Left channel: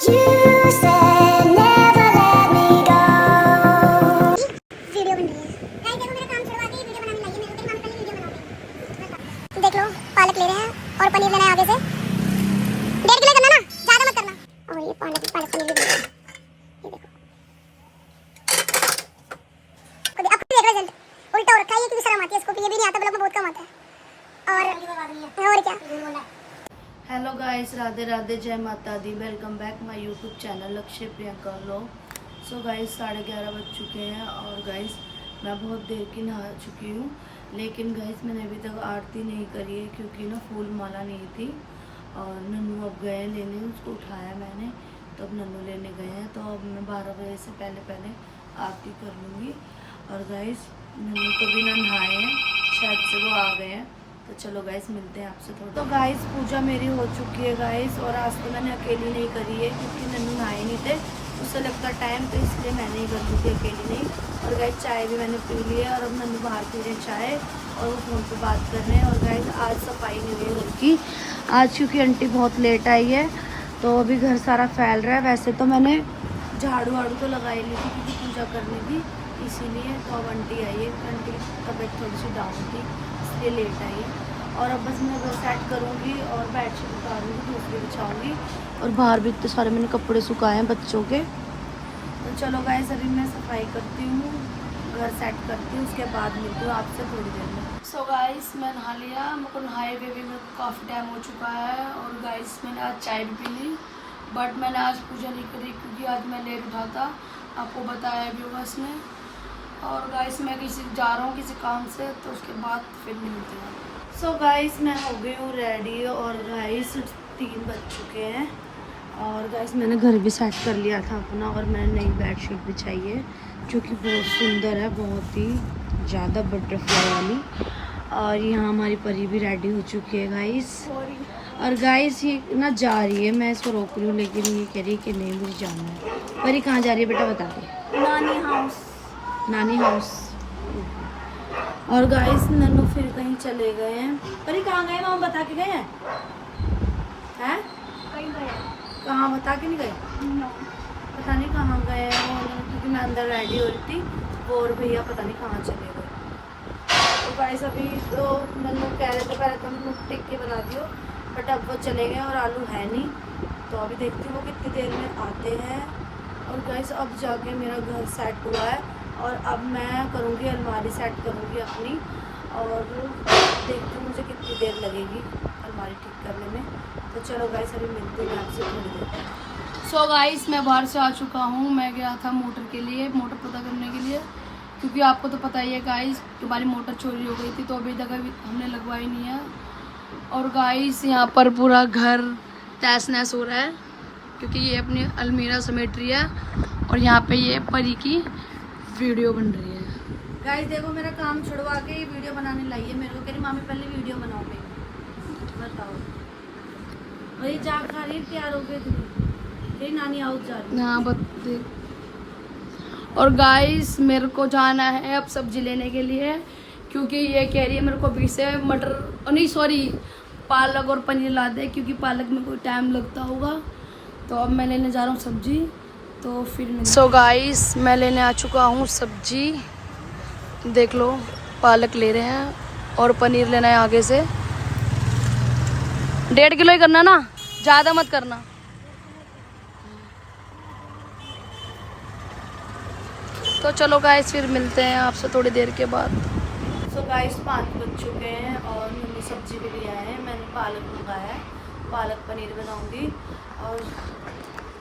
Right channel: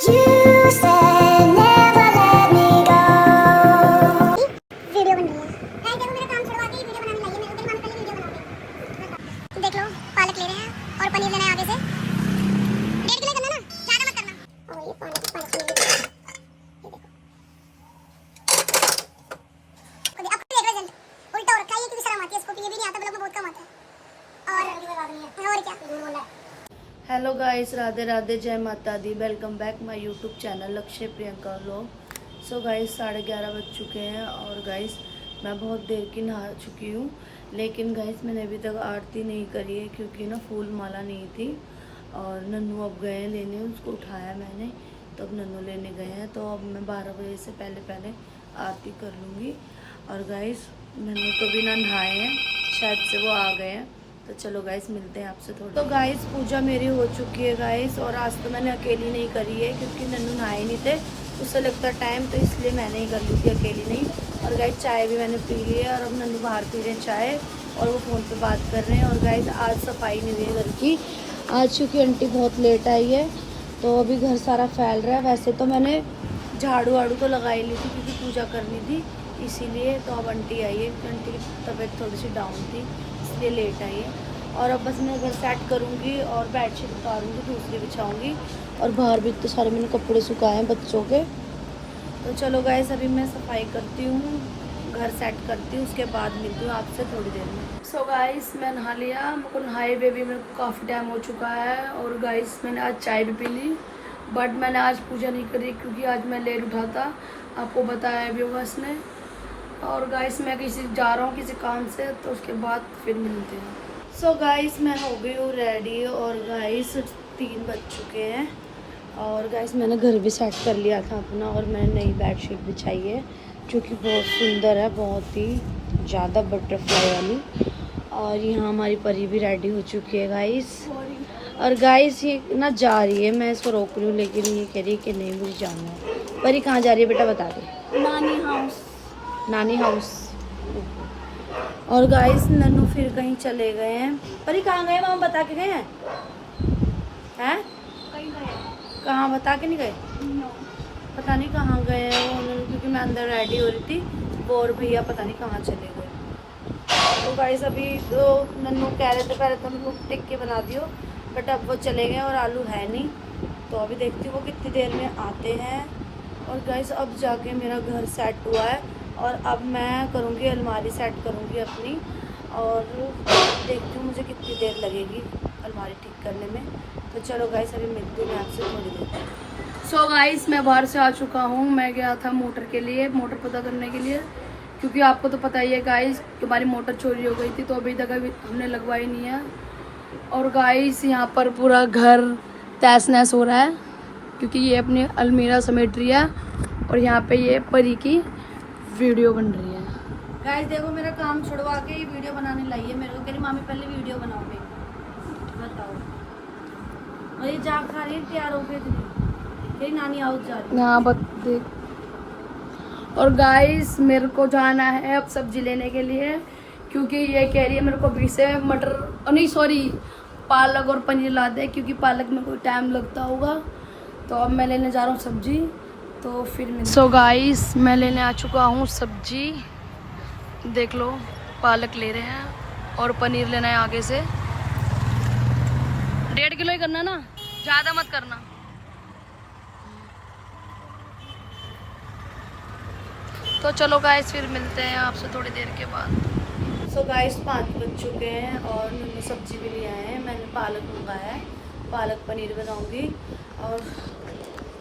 You said never let me go. Video बन रही है। गाइस देखो मेरा काम छुड़वा के वीडियो बनाने लगी है। मेरे तेरी मम्मी पहले वीडियो बनाओगे। देख लो पालक ले रहे हैं और पनीर लेना है आगे से। 1.5 किलो करना ना, ज्यादा मत करना। और ये पालक पनीर भी देना। ये देखो। अब देख रहे जल्द उल्टा हो रखा है, ये कितनी शर्म आती है इसको कि ये भी नहीं आता, ब्लॉग में बहुत कम आता है। और क्या। हेलो गाइस, राधे राधे, जय माता दी। Welcome back my YouTube channel Lakshya Priyanka vlog. So guys 11:30 बज चुके हैं और गाइस मैं बहुत देर की नहा चुकी हूँ, लेकिन गाइस मैंने अभी तक आरती नहीं करी है क्योंकि ना फूल माला नहीं थी। और नन्नू अब गए लेने, उसको उठाया मैंने, तो अब नन्नू लेने गए हैं। तो अब मैं 12 बजे से पहले आरती कर लूँगी। और गाइस नन्नू तो भी ना नहाए हैं, शायद से वो आ गए हैं। तो चलो गाइस मिलते हैं आपसे थोड़ा। तो गाइस पूजा मेरी हो चुकी है गाइस, और आज तो मैंने अकेली नहीं करी है क्योंकि नन्नू नहाए नहीं थे, उससे लगता टाइम, तो इसलिए मैंने ही कर ली थी, अकेली नहीं। और गाइस चाय भी मैंने पी ली है और अब नन्नू बाहर पी रहे हैं चाय और वो फ़ोन पे बात कर रहे हैं। और गाइस आज सफाई नहीं हुई घर की आज, क्योंकि आंटी बहुत लेट आई है तो अभी घर सारा फैल रहा है। वैसे तो मैंने झाड़ू वाड़ू तो लगा ही ली थी क्योंकि पूजा करनी थी इसीलिए। तो अब आंटी आई है, आंटी की तबीयत थोड़ी सी डाउन थी इसलिए लेट आई है। और अब बस मैं घर सेट करूँगी और बेडशीट उतारूँगी, दूसरी बिछाऊँगी। और बाहर भी इतने सारे मैंने कपड़े सुखाए हैं बच्चों के। तो चलो गाइस अभी मैं सफाई करती हूँ, घर सेट करती हूँ, उसके बाद मिलती हूँ आपसे थोड़ी देर में। सो गाइस मैं नहा लिया, मेरे को नहाए हुए भी मेरे को काफ़ी टाइम हो चुका है। और गाइस मैंने आज चाय भी पी ली, बट मैंने आज पूजा नहीं करी क्योंकि आज मैं लेट उठा था, आपको बताया भी होगा इसने। और गाइस मैं किसी जा रहा हूँ किसी काम से, तो उसके बाद फिर मिलते हैं। सो गाइस मैं हो गई हूँ रेडी और गाइस 3 बज चुके हैं। और गाइस मैंने घर भी सेट कर लिया था अपना, और मैंने नई बेडशीट बिछाई है जो कि बहुत सुंदर है, बहुत ही ज़्यादा बटरफ्लाई वाली। और यहाँ हमारी परी भी रेडी हो चुकी है गाइस। और गाइस ये ना जा रही है, मैं इसको रोक रही हूँ लेकिन ये कह रही है कि नहीं मुझे जाना है। परी कहाँ जा रही है बेटा बता दो। नानी हाउस। नानी हाउस। और गाइस नन्नू फिर कहीं चले गए हैं। परी कहाँ गए, मामा बता के गए हैं? कहाँ बता के नहीं गए? पता नहीं कहाँ गए हैं वो, क्योंकि मैं अंदर रेडी हो रही थी, वो और भैया पता नहीं कहाँ चले गए। तो गाइस अभी तो नन्नू कह रहे थे पहले तो नन्नू टिक्की बना दियो, बट अब वो चले गए और आलू है नहीं। तो अभी देखती हूँ वो कितनी देर में आते हैं। और गाइस अब जाके मेरा घर सेट हुआ है और अब मैं करूँगी अलमारी सेट करूँगी अपनी, और देखती हूँ मुझे कितनी देर लगेगी अलमारी ठीक करने में। तो चलो गाइस अभी मिलती हूँ मैं आपसे थोड़ी देर। सो गाइस मैं बाहर से आ चुका हूँ, मैं गया था मोटर के लिए, मोटर पता करने के लिए, क्योंकि आपको तो पता ही है गाइस तुम्हारी मोटर चोरी हो गई थी, तो अभी तक हमने लगवाई नहीं है। और गाइस यहाँ पर पूरा घर तहस नहस हो रहा है क्योंकि ये अपनी अलमीरा समेट रही है और यहाँ पे ये परी की वीडियो बन रही है। गाइस देखो मेरा काम छुड़वा के ये वीडियो बनाने लाई है मेरे को, कह रही मामी पहले वीडियो बनाओ मेरी, बताओ। और ये जा खा रही है तैयार हो गई थी, नानी हाउस जा रही है। हाँ बता। और गाइस मेरे को जाना है अब सब्जी लेने के लिए, क्योंकि ये कह रही है मेरे को अभी से मटर नहीं सॉरी पालक और पनीर ला दे, क्योंकि पालक में कोई टाइम लगता होगा। तो अब मैं लेने जा रहा हूँ सब्जी, तो फिर सो गाइस मैं लेने आ चुका हूँ सब्जी, देख लो पालक ले रहे हैं और पनीर लेना है आगे से। 1.5 किलो ही करना ना, ज़्यादा मत करना। तो चलो गाइस फिर मिलते हैं आपसे थोड़ी देर के बाद। सो गाइस 5 बज चुके हैं और मैंने सब्जी भी ले आए हैं, मैंने पालक मंगाया है, पालक पनीर बनाऊंगी। और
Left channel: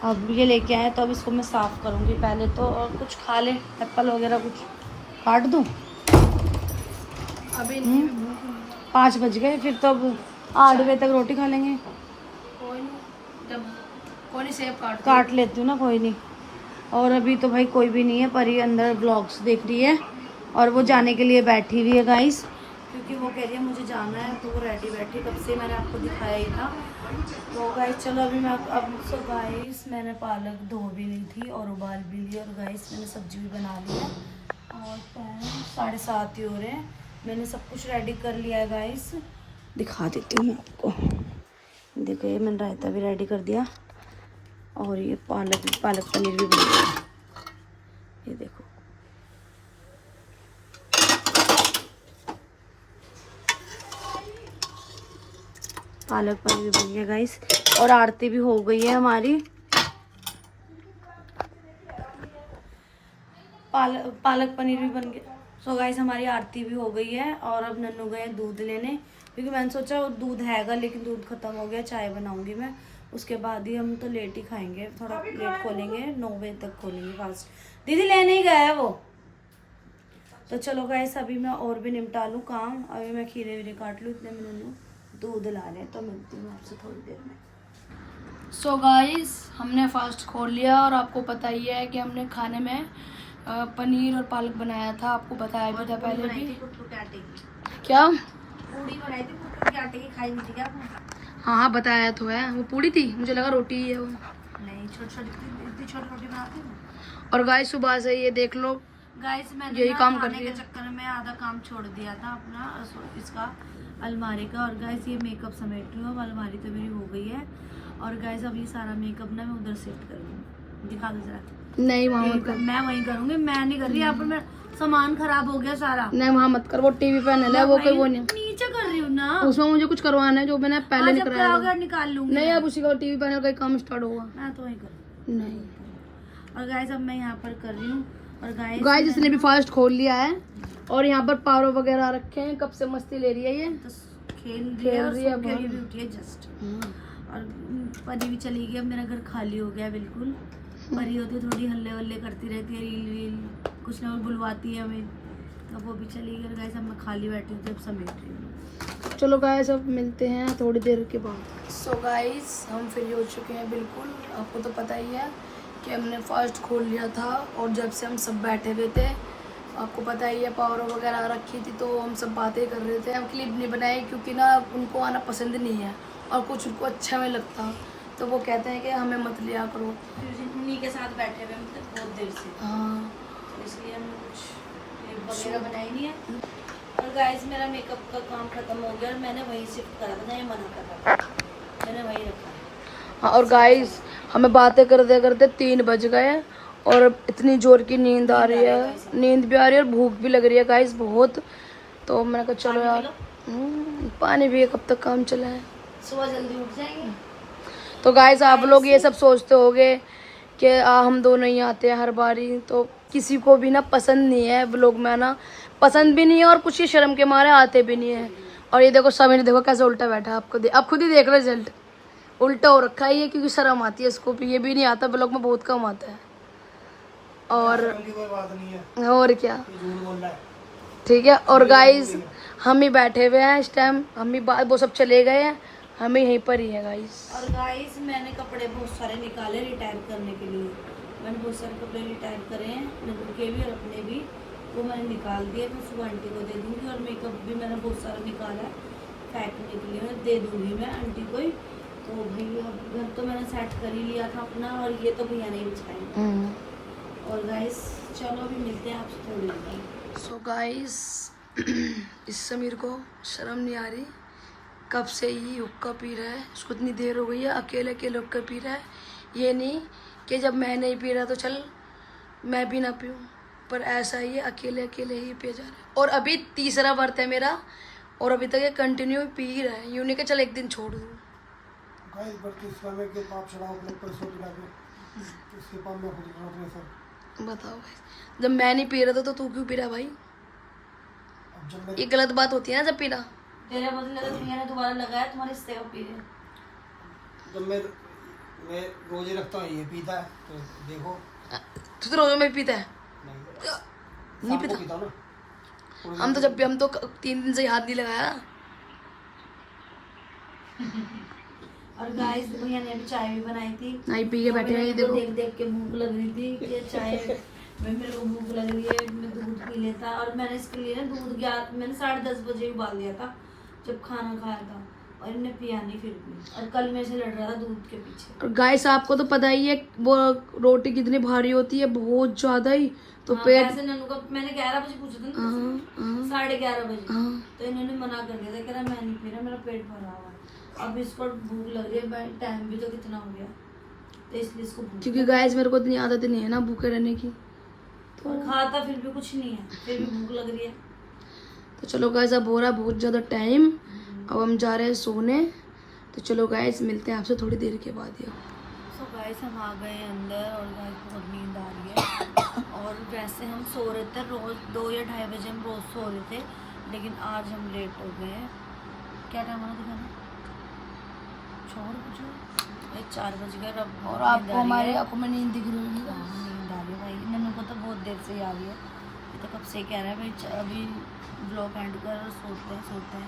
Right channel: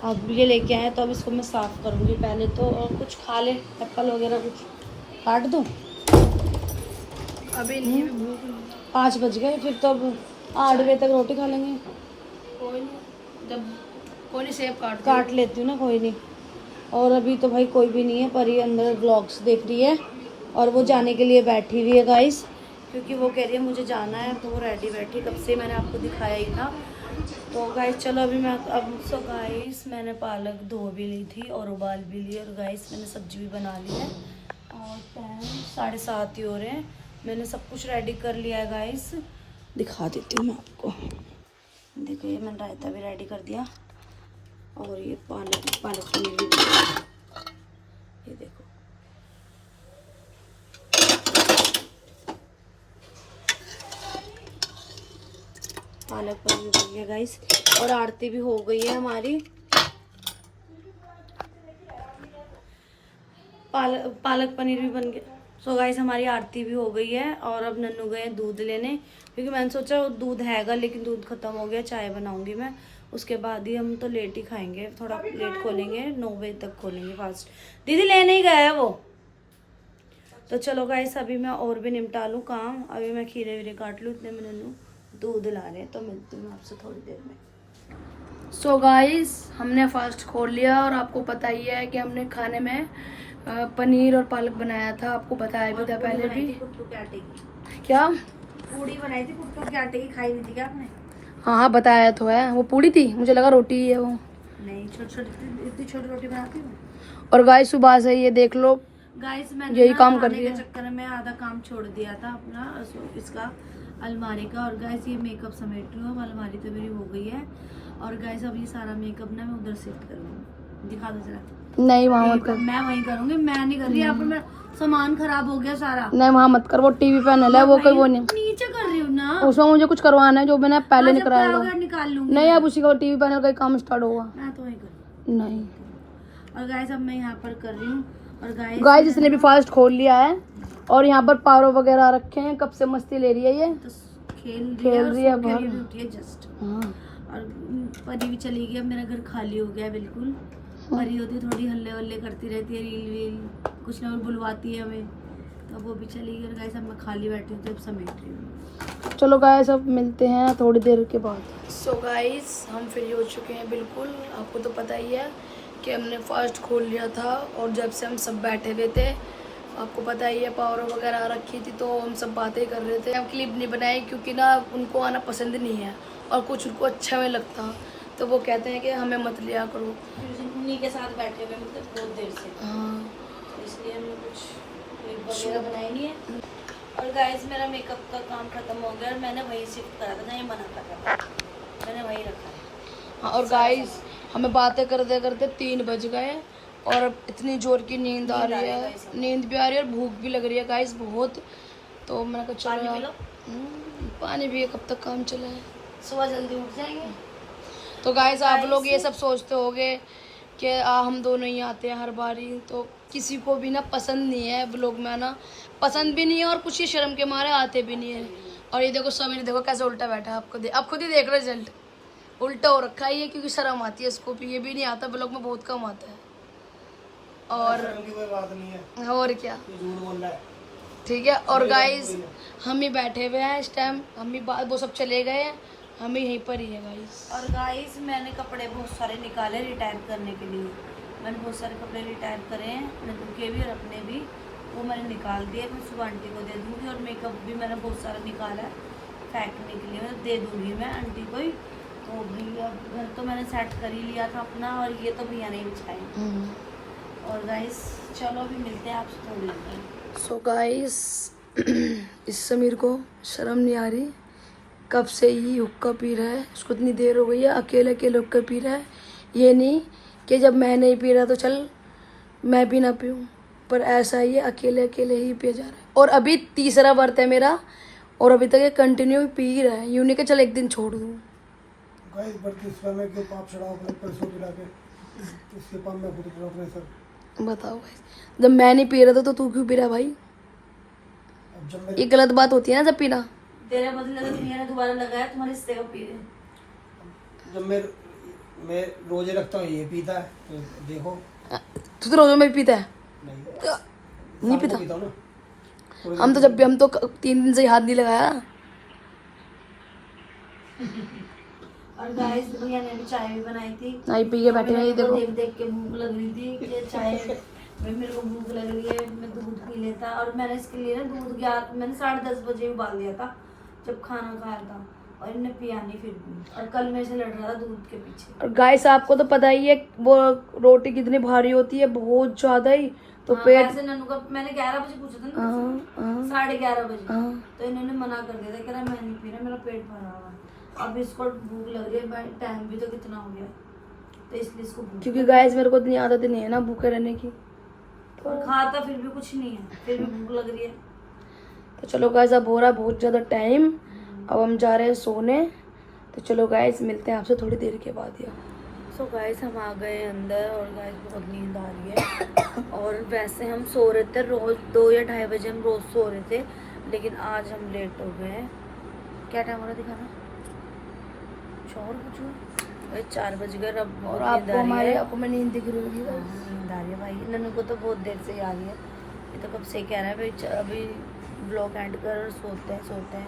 अब ये लेके आए तो अब इसको मैं साफ़ करूंगी पहले तो, और कुछ खा ले एप्पल वगैरह कुछ काट दूं। अभी नहीं 5 बज गए, फिर तो अब 8 बजे तक रोटी खा लेंगे। कोई नहीं, जब कोई नहीं सेब काट लेती हूँ ना, कोई नहीं। और अभी तो भाई कोई भी नहीं है, परी अंदर व्लॉग्स देख रही है और वो जाने के लिए बैठी हुई है गाइस, क्योंकि वो कह रही है मुझे जाना है, तो वो रेडी बैठी, कब से मैंने आपको दिखाया ही था। तो गाइस चलो अभी मैं अब सो गाइस मैंने पालक धो भी ली थी और उबाल भी ली, और गाइस मैंने सब्जी भी बना ली है। और टाइम 7:30 ही हो रहे हैं, मैंने सब कुछ रेडी कर लिया है गाइस, दिखा देती हूँ मैं आपको। देखो ये मैंने रायता भी रेडी कर दिया और ये पालक पनीर भी बन गया। ये देखो, पालक पनीर भी बन गया गाइस। और आरती भी हो गई है हमारी। पालक पनीर भी बन गया। सो गाइस हमारी आरती भी हो गई है। और अब नन्नू गए दूध लेने, क्योंकि मैंने सोचा दूध हैगा लेकिन दूध खत्म हो गया। चाय बनाऊंगी मैं, उसके बाद ही हम तो लेट ही खाएंगे, थोड़ा लेट खोलेंगे, 9 बजे तक खोलेंगे फास्ट। दीदी लेने ही गया है वो। तो चलो गाइस अभी मैं और भी निपटा लूँ काम। अभी मैं खीरे वीरे काट लूँ, इतने में नन्नू दूध ला रहे हैं। तो मिलती हूँ आपसे थोड़ी देर में। सो गाइस हमने फास्ट खोल लिया और आपको पता ही है कि हमने खाने में पनीर और पालक बनाया था। आपको बताया भी था पहले भी। क्या पूड़ी बनाई थी कुटकुट के आटे की, खाई हुई थी क्या आपने? हाँ हाँ बताया तो है। वो पूड़ी थी, मुझे लगा रोटी ही है वो। नहीं, इतनी छोटी रोटी बनाती हूँ। और गाइस सुबह से ये देख लो गाइस मैंने यही ना काम कर खाने रही के है। चक्कर में आधा काम छोड़ दिया था अपना इसका अलमारी का। और गाइस ये मेकअप समेट रही हूँ। अब अलमारी तो मेरी हो गई है। और गाइस अब ये सारा मेकअप ना मैं उधर शिफ्ट कर लूँ। दिखा दो जरा। नहीं वहाँ मत कर, मैं वहीं करूंगी, मैं नहीं कर रही। यहाँ पर मेरा सामान खराब हो गया सारा। नहीं वहाँ मत कर। वो टीवी पैनल है, वो कोई वो नहीं। नीचे कर रही हूँ ना, उसमें मुझे कुछ करवाना है जो मैंने पहले नहीं कराया अगर निकाल लूंगी। नहीं, अब उसी का टीवी पैनल का ही काम स्टार्ट होगा। मैं तो वहीं कर। नहीं और गाइस अब मैं यहाँ पर कर रही हूँ। और गाइस इसने भी फास्ट खोल लिया है और यहाँ पर पारो वगैरह रखे हैं। कब से मस्ती ले रही है ये, तो खेल रही है और रही है सो के बहुत। भी उठी है जस्ट। हाँ। और परी भी चली गई। अब मेरा घर खाली हो गया बिल्कुल। परी होती है थोड़ी हल्ले वल्ले करती रहती है, रील वील कुछ ना कुछ बुलवाती है हमें, तो वो भी चली गई। और गाइस अब मैं खाली बैठी हूँ, तो अब समेट रही हूँ। चलो गाइस अब मिलते हैं थोड़ी देर के बाद। सो गाइस हम फ्री हो चुके हैं बिल्कुल। आपको तो पता ही है कि हमने फास्ट खोल लिया था और जब से हम सब बैठे हुए थे, आपको पता ही है पावर वगैरह रखी थी, तो हम सब बातें कर रहे थे। हम क्लिप नहीं बनाए क्योंकि ना उनको आना पसंद नहीं है और कुछ उनको अच्छा नहीं लगता, तो वो कहते हैं कि हमें मत लिया करो। उन्हीं के साथ बैठे हुए मतलब बहुत देर से, हाँ तो इसलिए हमने कुछ क्लिप वगैरह बनाई नहीं है। और गाइस मेरा मेकअप का काम खत्म हो गया और मैंने वही शिफ्ट करा था, नहीं मना करा, मैंने वही रखा। हाँ। और गाइस हमें बातें करते करते 3 बज गए और इतनी जोर की नींद आ रही है, नींद भी आ रही है और भूख भी लग रही है गाइस बहुत। तो मैंने कहा चलो यार पानी भी कब तक काम चला है, सुबह जल्दी उठ जाएंगे। तो गाइस आप लोग ये सब सोचते होगे कि हम दो नहीं आते हैं हर बारी, तो किसी को भी ना पसंद नहीं है व्लॉग में आना, पसंद भी नहीं है और कुछ ही शर्म के मारे आते भी नहीं है। और ये देखो समीर देखो कैसे उल्टा बैठा, आपको आप खुद ही देख रहे रिजल्ट, उल्टा हो रखा है ये क्योंकि शर्म आती है इसको, ये भी नहीं आता व्लॉग में, बहुत कम आता है। और क्या ठीक है। और गाइस हम ही बैठे हुए हैं इस टाइम, हम ही वो सब चले गए हैं, हम ही यहीं पर ही है गाइस। और गाइस मैंने कपड़े बहुत सारे निकाले रिटायर करने के लिए। मैंने बहुत सारे कपड़े रिटायर करे हैं, नन्नू के भी और अपने भी, वो मैंने निकाल दिए। मैं सुबह आंटी को दे दूंगी। और मेकअप भी मैंने बहुत सारा निकाला है फेंकने के लिए, दे दूंगी मैं आंटी को ही। तो भी अब घर तो मैंने सेट कर ही लिया था अपना, और ये तो भैया ने बिछाई। और गाइस चलो अभी मिलते हैं आपसे थोड़ी देर। सो गाइस इस समीर को शर्म नहीं आ रही, कब से ही हुक्का पी रहा है, इसको इतनी देर हो गई है अकेले अकेले हुक्का पी रहा है। ये नहीं कि जब मैं नहीं पी रहा तो चल मैं भी ना पीऊँ, पर ऐसा ही है अकेले अकेले ही पिया जा रहा है। और अभी तीसरा व्रत है मेरा और अभी तक ये कंटिन्यू पी ही रहा है, यूँ नहीं कि चल एक दिन छोड़ दूँ। गाइस बत्तीसवां में के पाप चढ़ाओ अपने पैसों पिला के, इसके पाप में खुद को अपने सर। बताओ भाई, जब मैं नहीं पी रहा था तो तू क्यों पी रहा भाई? अब जब ये गलत बात होती है ना जब पीना। तेरे बदले तो भैया ने दोबारा लगाया, तुम्हारे हिस्से को पी रहे। जब मैं रोजे रखता हूँ ये पीता है, तो देखो। तू तो रोजों में पीता है? नहीं शाम को पीता हूँ ना। हम तो जब भी, हम तो 3 दिन से हाथ नहीं लगाया। और गाइस भैया ने भी चाय भी बनाई थी, नहीं पी के बैठे हैं, ये देखो। देख देख के भूख लग रही थी कि चाय मेरे को भूख लग रही है, मैं दूध पी लेता। और मैंने इसके लिए ना दूध मैंने 10:30 बजे उबाल दिया था जब खाना खाया था, और इन्हें पिया नहीं फिर भी। और कल मेरे से लड़ रहा था दूध के पीछे। और गाइस आपको तो पता ही है वो रोटी कितनी भारी होती है, बहुत ज्यादा ही। तो हाँ, पेट वैसे नन्नू का मैंने 11 बजे पूछा था ना, हाँ, 11:30 बजे, हाँ। तो इन्होंने मना कर दिया था, कह रहा मैं नहीं पी रहा, मेरा पेट भरा हुआ है। अब इसको भूख लग रही है, टाइम भी तो कितना हो गया। तो इसलिए इसको भूख क्योंकि गाइस मेरे को इतनी आदत नहीं है ना भूखे रहने की। तो खाता फिर भी कुछ नहीं है, फिर भी भूख लग रही है। तो चलो गाइस अब हो रहा है बहुत ज़्यादा टाइम, अब हम जा रहे हैं सोने। तो चलो गाइस मिलते हैं आपसे थोड़ी देर के बाद। या सो गाइस हम आ गए अंदर और गाइस बहुत नींद आ रही है। और वैसे हम सो रहे थे रोज 2 या 2:30 बजे हम रोज सो रहे थे, लेकिन आज हम लेट हो गए हैं। क्या टाइम हो रहा दिखाना? 4 बजे, 4 बज गए। अब और बहुत नींद आपको आ रही हमारी है। आंखों में नींद दिख रही होगी। हाँ, नींद आ रही है भाई। नन्नू को तो बहुत देर से ही आ रही है, ये तो कब से कह रहा है भाई अभी ब्लॉग एंड कर, सोते हैं।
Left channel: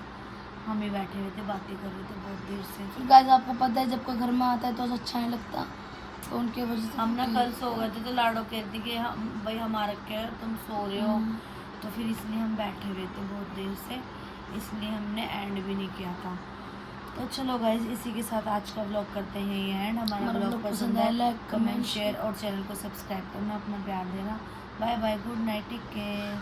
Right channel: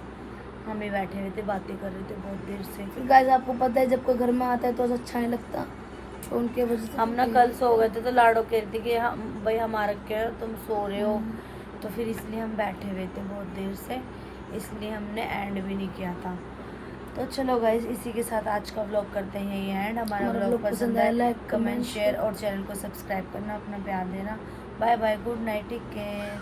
हम ही बैठे हुए थे, बातें कर रहे थे बहुत देर से। फिर गाइस आपको पता है जब कोई घर में आता है तो अच्छा नहीं लगता, तो उनके वजह से हम ना कल सो गए थे, तो लाडो कहती कि हम भाई हमारा क्या तुम सो रहे हो, तो फिर इसलिए हम बैठे हुए थे बहुत देर से, इसलिए हमने एंड भी नहीं किया था। तो चलो गाइज इसी के साथ आज का व्लॉग करते हैं ये एंड। हमारा व्लॉग पसंद आए लाइक कमेंट शेयर और चैनल को सब्सक्राइब करना, अपना प्यार देना। Bye bye, good night, take care.